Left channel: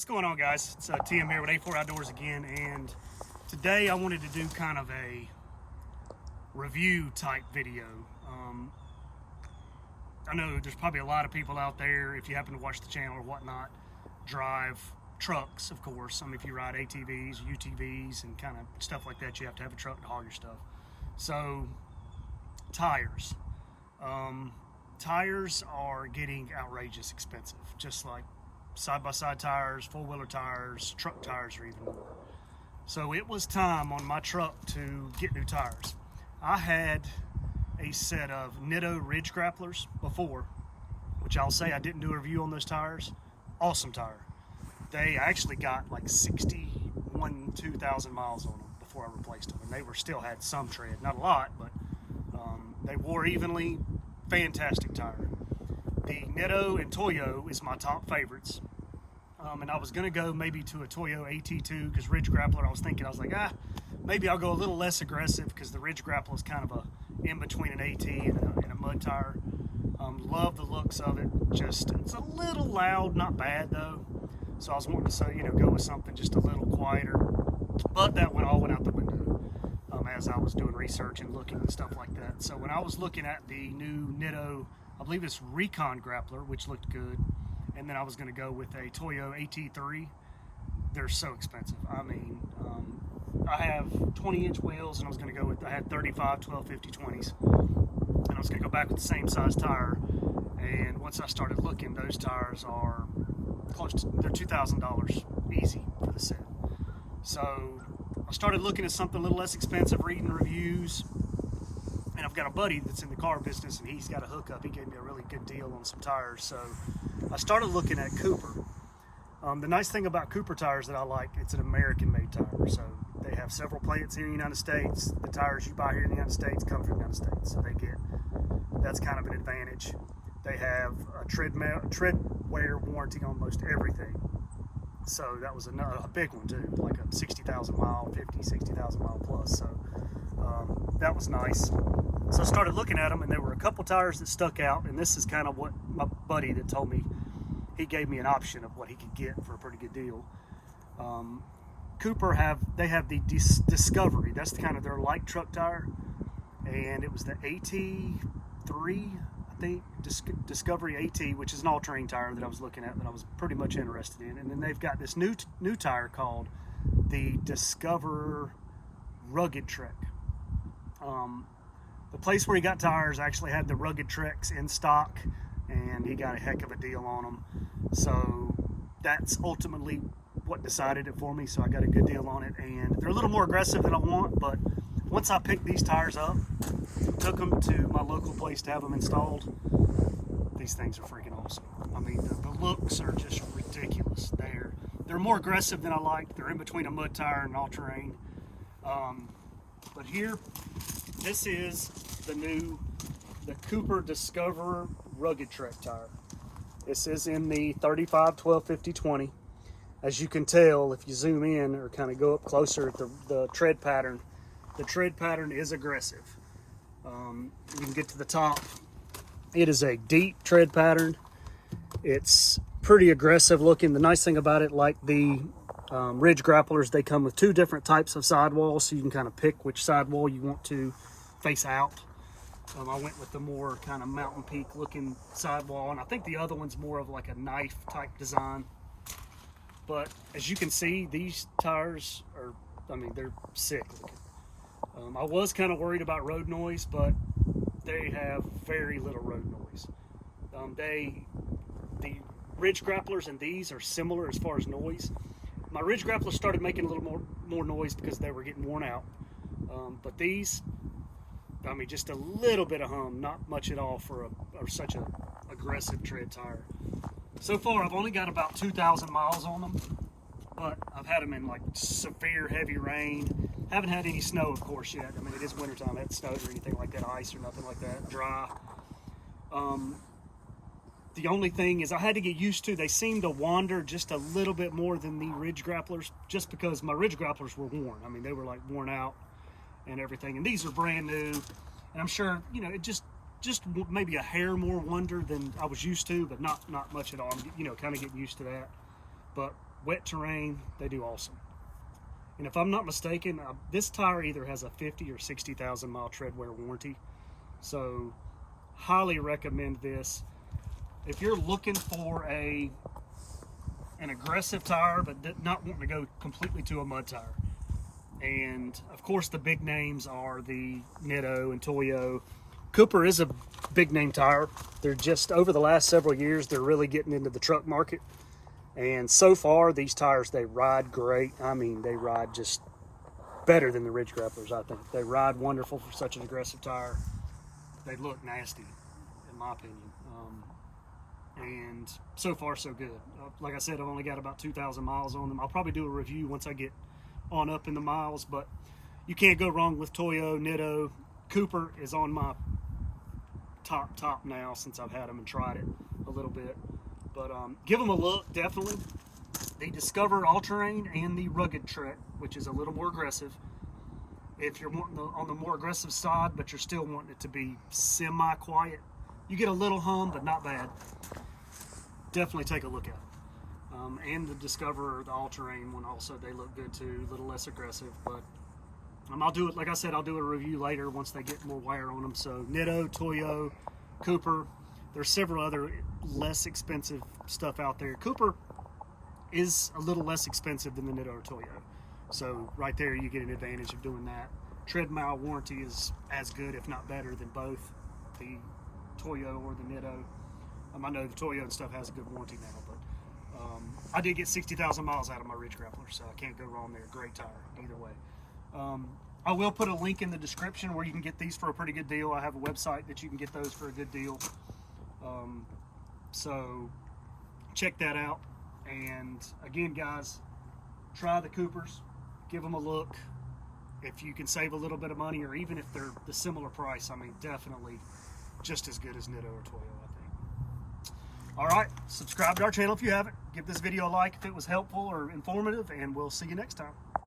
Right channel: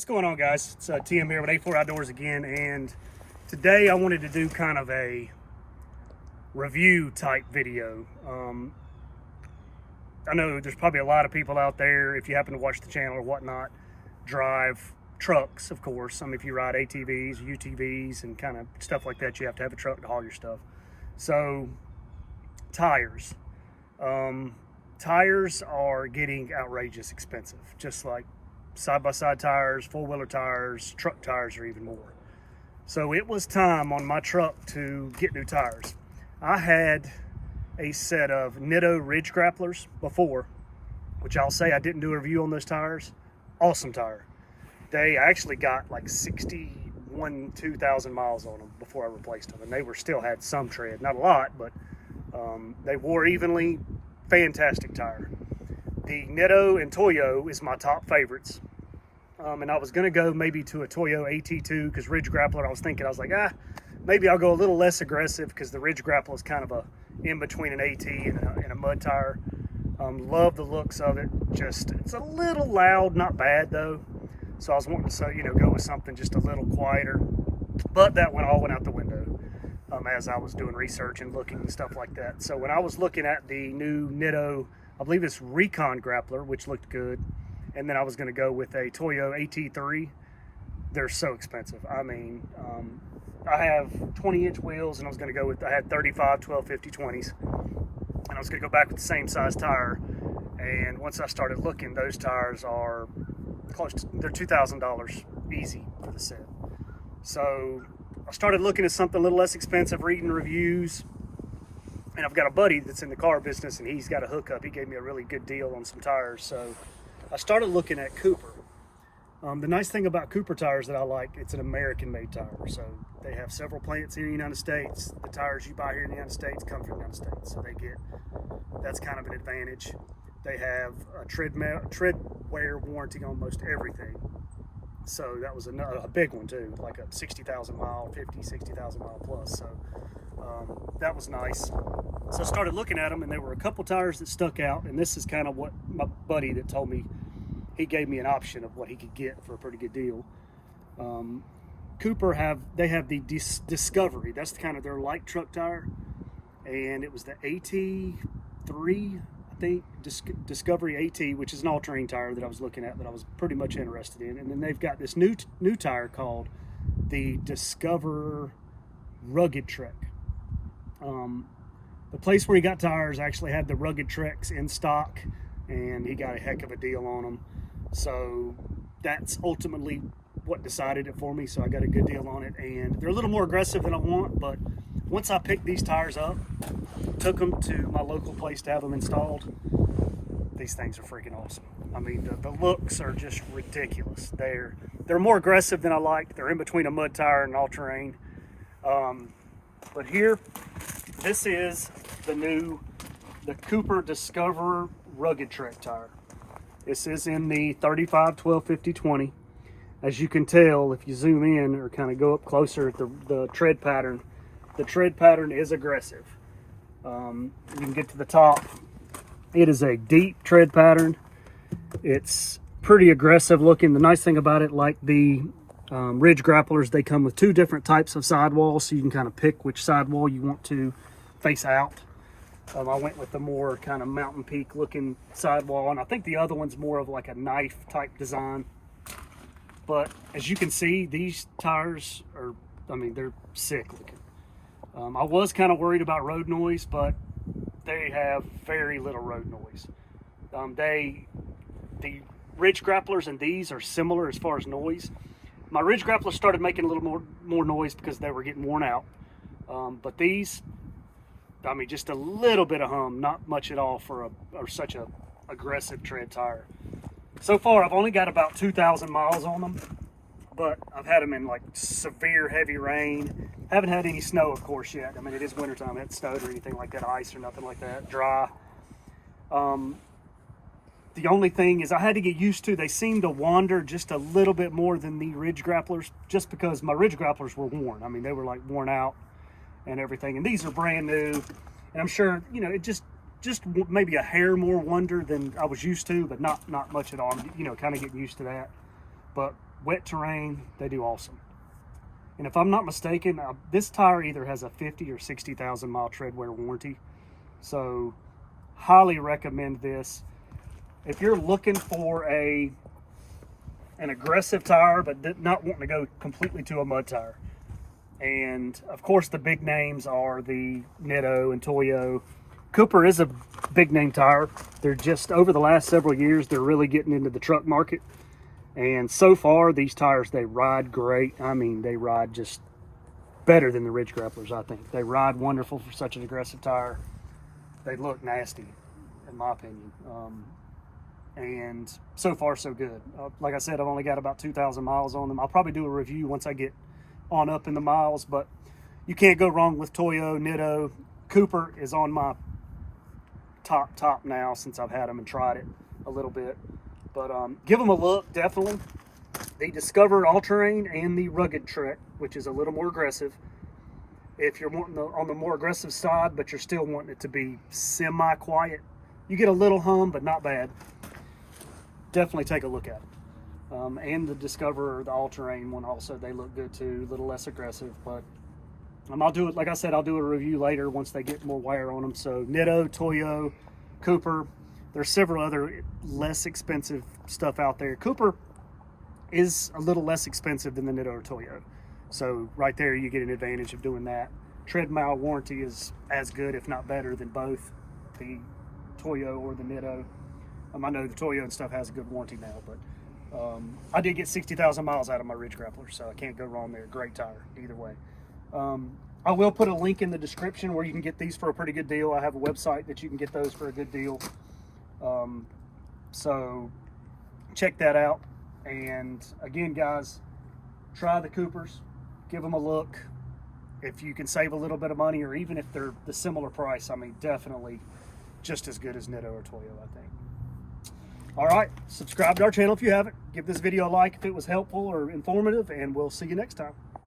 What's going on, guys? It's TM here with A4 Outdoors again, and today I wanted to do kind of a review type video. I know there's probably a lot of people out there, if you happen to watch the channel or whatnot, drive trucks, of course. If you ride ATVs, UTVs, and kind of stuff like that, you have to have a truck to haul your stuff. So, tires. Tires are getting outrageous expensive, just like side-by-side tires, four-wheeler tires, truck tires are even more. So it was time on my truck to get new tires. I had a set of Nitto Ridge Grapplers before, which I'll say I didn't do a review on those tires. Awesome tire. They actually got like 2,000 miles on them before I replaced them, and they still had some tread, not a lot, but they wore evenly. Fantastic tire. The Nitto and Toyo is my top favorites. And I was going to go maybe to a Toyo AT2 because Ridge Grappler, I was like, maybe I'll go a little less aggressive because the Ridge Grappler is kind of a in between an AT and a mud tire. Love the looks of it. Just, it's a little loud, not bad though. So I was wanting to, go with something just a little quieter. But that one all went out the window as I was doing research and looking and stuff like that. So when I was looking at the new Nitto, I believe it's Recon Grappler, which looked good. And then I was going to go with a Toyo AT3. They're so expensive. I have 20-inch wheels, and I had 35, 12, 50, 20s. And I was going to go back with the same size tire. And once I started looking, those tires are they're $2,000 easy for the set. So I started looking at something a little less expensive, reading reviews. And I've got a buddy that's in the car business, and he's got a hookup. He gave me a really good deal on some tires. So I started looking at Cooper. The nice thing about Cooper tires that I like, it's an American-made tire. So they have several plants here in the United States. The tires you buy here in the United States come from the United States. So that's kind of an advantage. They have a tread wear warranty on most everything. So that was a big one too, like a 60,000 mile, 60,000 mile plus. So that was nice. So I started looking at them, and there were a couple tires that stuck out, and this is kind of what my buddy that told me, he gave me an option of what he could get for a pretty good deal. Cooper have the Discovery. That's kind of their light truck tire, and it was the AT3, I think, Discovery AT, which is an all-terrain tire that I was looking at that I was pretty much interested in. And then they've got this new tire called the Discover Rugged Trek. The place where he got tires actually had the Rugged Treks in stock, and he got a heck of a deal on them. So that's ultimately what decided it for me. So I got a good deal on it, and they're a little more aggressive than I want, but once I picked these tires up, took them to my local place to have them installed, these things are freaking awesome. The looks are just ridiculous. They're more aggressive than I like. They're in between a mud tire and all-terrain. But here, this is the Cooper Discover Rugged Trek tire. This is in the 35, 12, 50, 20. As you can tell, if you zoom in or kind of go up closer at the tread pattern, the tread pattern is aggressive. You can get to the top. It is a deep tread pattern. It's pretty aggressive looking. The nice thing about it, like the Ridge Grapplers, they come with two different types of sidewalls, so you can kind of pick which sidewall you want to face out. I went with the more kind of mountain peak looking sidewall, and I think the other one's more of like a knife type design. But as you can see, these tires are, they're sick looking. I was kind of worried about road noise, but they have very little road noise. The Ridge Grapplers and these are similar as far as noise. My Ridge Grapplers started making a little more noise because they were getting worn out. But these, just a little bit of hum, not much at all for such a aggressive tread tire. So far, I've only got about 2,000 miles on them, but I've had them in like severe heavy rain. Haven't had any snow, of course, yet. It is wintertime. I haven't snowed or anything like that, ice or nothing like that, dry. The only thing is I had to get used to, they seem to wander just a little bit more than the Ridge Grapplers, just because my Ridge Grapplers were worn. They were like worn out and everything, and these are brand new, and I'm sure, it just maybe a hair more wonder than I was used to, but not much at all. I'm, kind of getting used to that. But wet terrain, they do awesome. And if I'm not mistaken, this tire either has a 50 or 60,000 mile tread wear warranty. So highly recommend this. If you're looking for an aggressive tire, but not wanting to go completely to a mud tire. And of course the big names are the Nitto and Toyo. Cooper is a big name tire. They're just, over the last several years, they're really getting into the truck market. And so far, these tires, they ride great. I mean, they ride just better than the Ridge Grapplers, I think. They ride wonderful for such an aggressive tire. They look nasty, in my opinion. And so far, so good. Like I said, I've only got about 2,000 miles on them. I'll probably do a review once I get on up in the miles, but you can't go wrong with Toyo, Nitto. Cooper is on my top now since I've had them and tried it a little bit. But give them a look, definitely. The Discover All-Terrain and the Rugged Trek, which is a little more aggressive. If you're wanting on the more aggressive side, but you're still wanting it to be semi-quiet, you get a little hum, but not bad. Definitely take a look at it. And the Discover, the All-Terrain one also, they look good too, a little less aggressive. But I'll do it, like I said, I'll do a review later once they get more wear on them. So Nitto, Toyo, Cooper. There's several other less expensive stuff out there. Cooper is a little less expensive than the Nitto or Toyo. So right there you get an advantage of doing that. Tread mile warranty is as good, if not better, than both the Toyo or the Nitto. I know the Toyo and stuff has a good warranty now, but I did get 60,000 miles out of my Ridge Grappler, so I can't go wrong there. Great tire, either way. I will put a link in the description where you can get these for a pretty good deal. I have a website that you can get those for a good deal. So check that out. And again, guys, try the Coopers, give them a look. If you can save a little bit of money, or even if they're the similar price, I mean, definitely just as good as Nitto or Toyo, I think. All right, subscribe to our channel if you haven't. Give this video a like if it was helpful or informative, and we'll see you next time.